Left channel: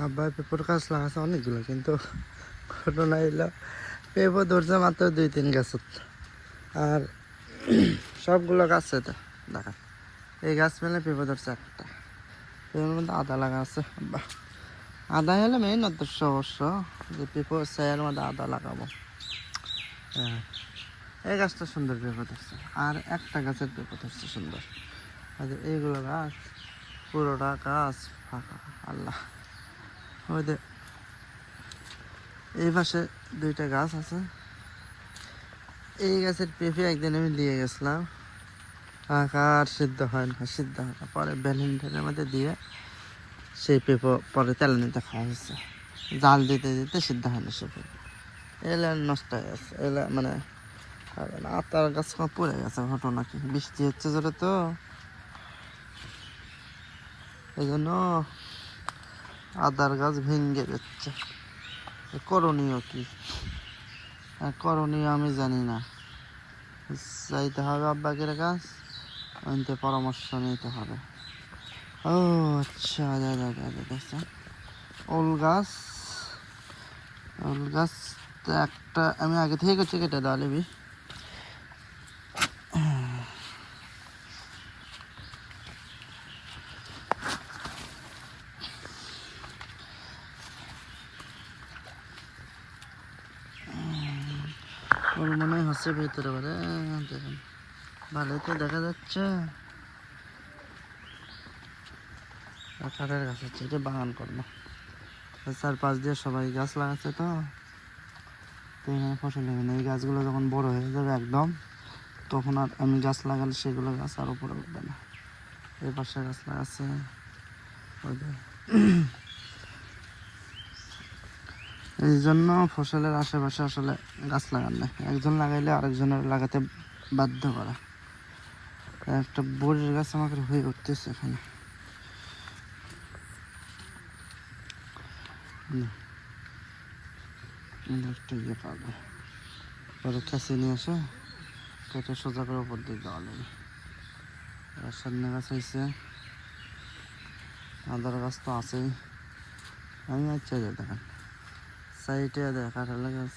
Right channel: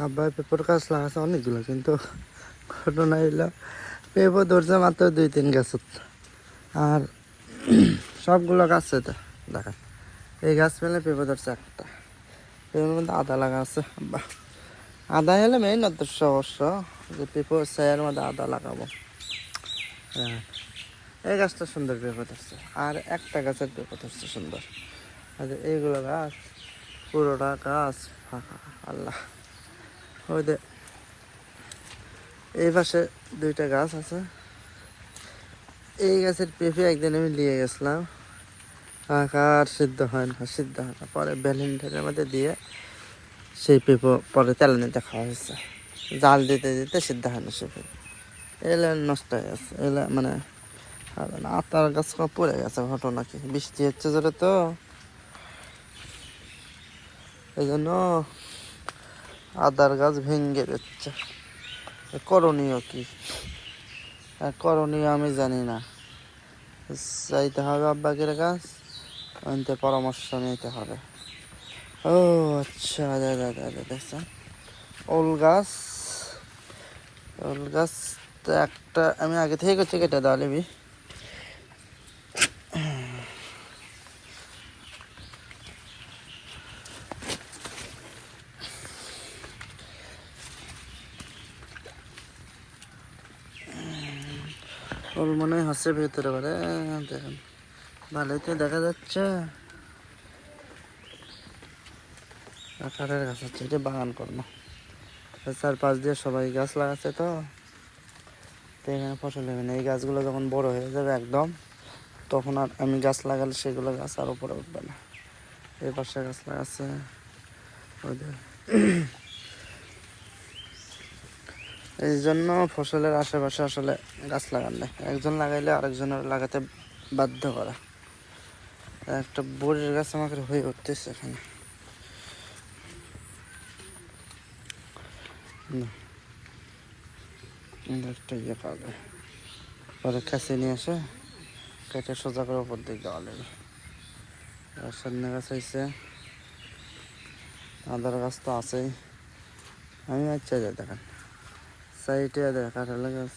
আব্বা পেঁপোর গাছ লাগাচ্ছে অনেকগুলো, কিন্তু ঘটনা এলো পেঁপো ধরছে মাত্র 2-3 গাছত। আর সবগুলো গাছে তো দেখা এই গাছ পেলে পেঁপো ধরছে একটা। পেঁপোর মধ্যে আদা লাগা আছে আব্বা। আদা হলে মেইন উদ্দেশ্য অবশ্য, যে পেঁপোর ছায়ার মধ্যে আদা লাগাবো। হ্যাঁ, এই গাছটা সুন্দর পেঁপো ধরছে, আর একটা গাছের পেঁপো ধরছে সুন্দর। আর এইগুলো গাছ পুরোটা গাছ ফাঁকা। আল্লাহ, ওই যে এই পাশে 2টা গাছ আছে। এই গাছের পেঁপে একদিন আমি নিয়ে গেছিলাম, আর সিদ্ধ হয় না, সিদ্ধ হয় না। পরে ভ্যালেন্টাইনের মধ্যে দিয়ে সেই পেঁপো পরে তেল নিতে খাওয়া হয়েছে। জাল দিতে দিতে সিদ্ধ হয় না সে পেঁপে, এলে নষ্ট হয়ে গেছে। এলে মানে আটার গাছ পড়ে গেছে। ঘটনা কি, বৃষ্টি হচ্ছে জোরে তো, এই জন্য আদার গাছ ভেঙে যাচ্ছে। করণীয় কি? করণীয় আমি জানি না, চাইতে হবে আব্বাকের গাছ, ওইতে পরামর্শ নিতে হবে। ও আচ্ছা, দেখছেন ওল গাছ। ওল গাছ একটা আমি আগে থেকে করছি কেটে দেওয়া লিবি। ওল মনে হয় হাসে ভিতরে বলে, দেখুন ভালোই তো দেখা যাচ্ছে। কাঠের গাছ হচ্ছে, এটা বাগান করবো। 4-5 দিয়ে সবাই গাছ লাগাচ্ছে তো, এখানে ফসল হবে না। এই গাছগুলো যখন বড় হয়ে যাবে একদম, তখন আর আমি গাছ লাগালে সেগুলো গাছ আর উপরে উঠবে না। এই পাশে গাছ লাগাচ্ছে ওদের। এই জন্য ফসলের আশেপাশে আসলে গাছ লাগান নেই, একজন লাগাইলে আরেকজনের লাগাতে বাধ্য করা। একটা বড়ির গাছ আমাকে হয়ে উঠতেছে এখানে। একটা ইয়ে পাবে, পরে কাছে নিয়ে আসে কেটে সোজা করে উপর দিকে দেওয়া লাগে। আর সজনে গাছ হয়েছে, আদার গাছ তো আছেই। আমি আচ্ছা যাই দেখেন সাইডে কাঁঠাল গাছ,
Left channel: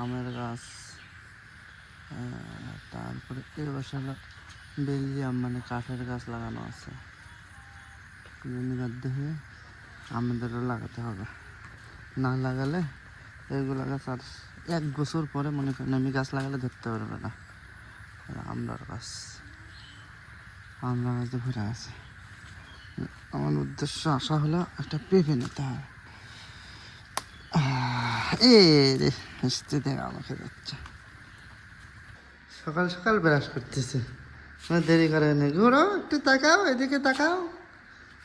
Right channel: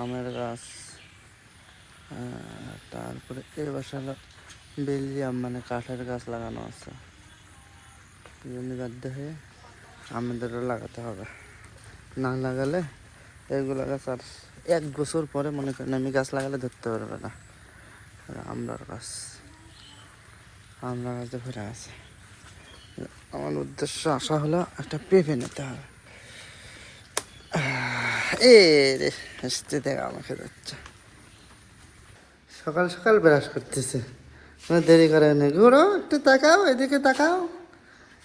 আমের গাছ, তারপরে এই বাসা হলো বেলজিয়াম, মানে কাঠের গাছ লাগানো আছে। বাধ্য হয়ে আমাদেরও লাগাতে হবে, না লাগালে এগুলো গাছ আর 1 বছর পরে মনে করেন আমি গাছ লাগালে ধরতে পারবে না। আমড়ার গাছ, আমড়া গাছে ভরে আছে। আমার উদ্দেশ্য আশা হলো একটা পেঁপে নিতে হবে। এ রে হাসতে দেখা আমাকে যাচ্ছে, সকাল সকাল ব্রাশ করতেছে, কোনো দেরি করে না। ঘুরো একটু তাকাও, এদিকে তাকাও,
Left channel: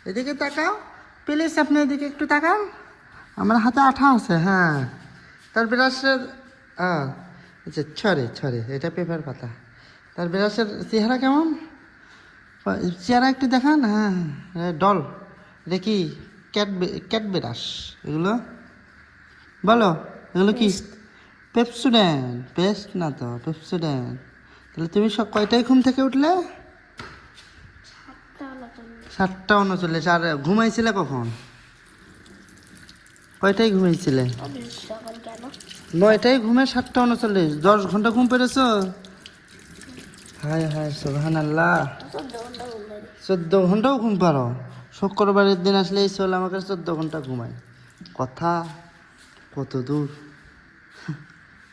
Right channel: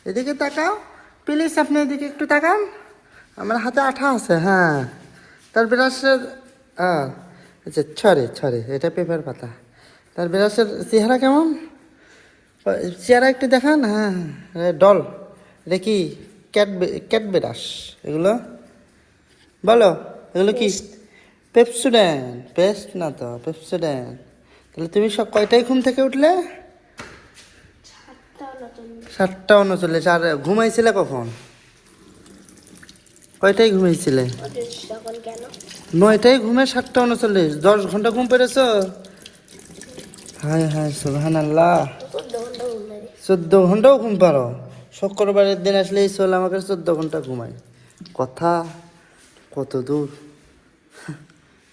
এদিকে তাকাও প্লিজ, আপনি এদিকে একটু তাকান। আমার হাতে আঠা আছে। হ্যাঁ, তার ব্রাশের হ্যাঁ আচ্ছা, ছড়ে এটা পেপার পাতা। তার ব্রাশের চেহারা কেমন, চেহারা একটু দেখান। হ্যাঁ, ডল, এটা কি ক্যাট ব্রাশ এগুলো? বলো এগুলো কি? পেপসোডেন্ট, পেস্ট না তো, পেপসোডেন্ট। তাহলে তুমি সব কয়টায় ঘুম থেকে উঠলে? 7:39। আর ঘুমাইছিলে কখন? কয়টায় ঘুমাইছিলে? 9টায় ঘুমে 7:39, 10 ঘন্টা ঘুম পেরেছ? হায় হায় সুবহানাল্লাহ, 14 ঘন্টাও ঘুম পারো? শুক্রবারের দিন আসলে এই চল আমাকে 14 ঘন্টা ঘুমাই, কথা কত দূর।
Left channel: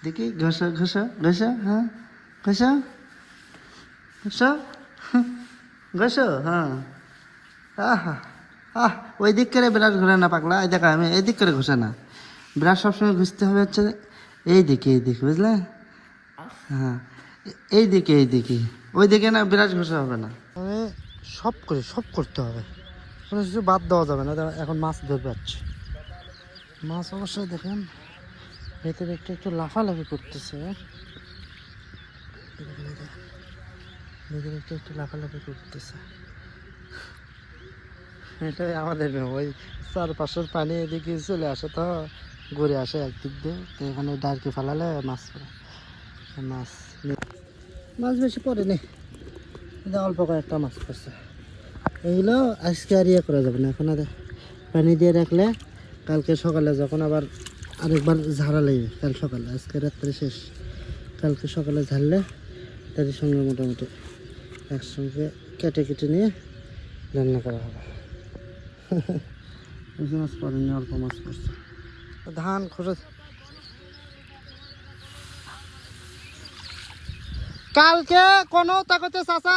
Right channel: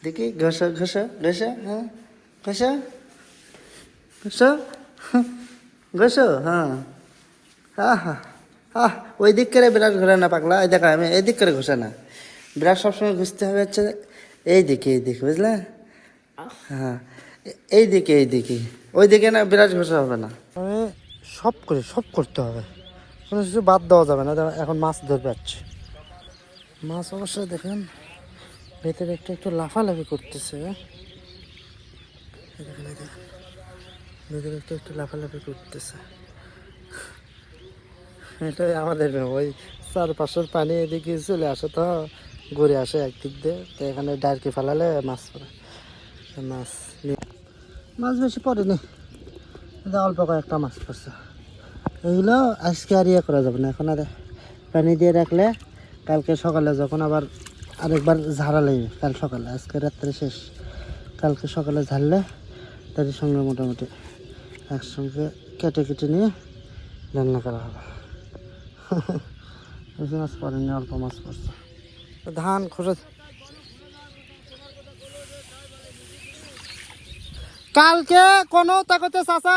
দেখি ঘষা ঘষা ঘষা, হ্যাঁ ঘষা ঘষা ঘষো, হ্যাঁ। আহা আহ, ওই দিক করে ব্রাশ ঘোরে না পাগলা, ওই দেখা আমি এই দিক করে ঘষে না। ব্রাশ সবসময় ঘুষতে হবে হচ্ছে এই দিকে বুঝলে? হ্যাঁ, এই দিকে ওই দিকে না, ব্রাশ ঘষা হবে না। আমি সব করতে হবে, কোনো কিছু বাদ দেওয়া যাবে না। এখন মাছ ধরবে যাচ্ছে, মাছ অবশ্যই দেখেন ভেতরে একটু লাফালাফি করতেছে। ভেতরে একটু লাফালাফি করতেছে। এটাই আমাদের ওই 4-500 পানি এদিকে চলে আসে তো, ঘুরে আসে একদিক দিয়ে, তো এখানে ডারকি ফেলালে মাছ পড়ে। মাছ বেশি পড়েনি, অল্প কয়েকটা মাছ পড়ছে। এগুলো আজকে আর ইয়ে করা যাবে না, এখন আর পানি দিয়ে রাখলে কালকে সকালে যখন আবার আরেকবার ঝাড়া লাগবে, কাল সকালে, আজকে রাত্রে শেষ, কালকে সকালে ঝাড়লে তাদের সঙ্গে মোটামুটি একসঙ্গে কেটে কেটে নিয়ে রান্না করা হবে। বেশি মাছ পড়েনি, অল্প মাছ পড়ছে। ধান খোঁজা কালকে কোনো তাকতে চাচা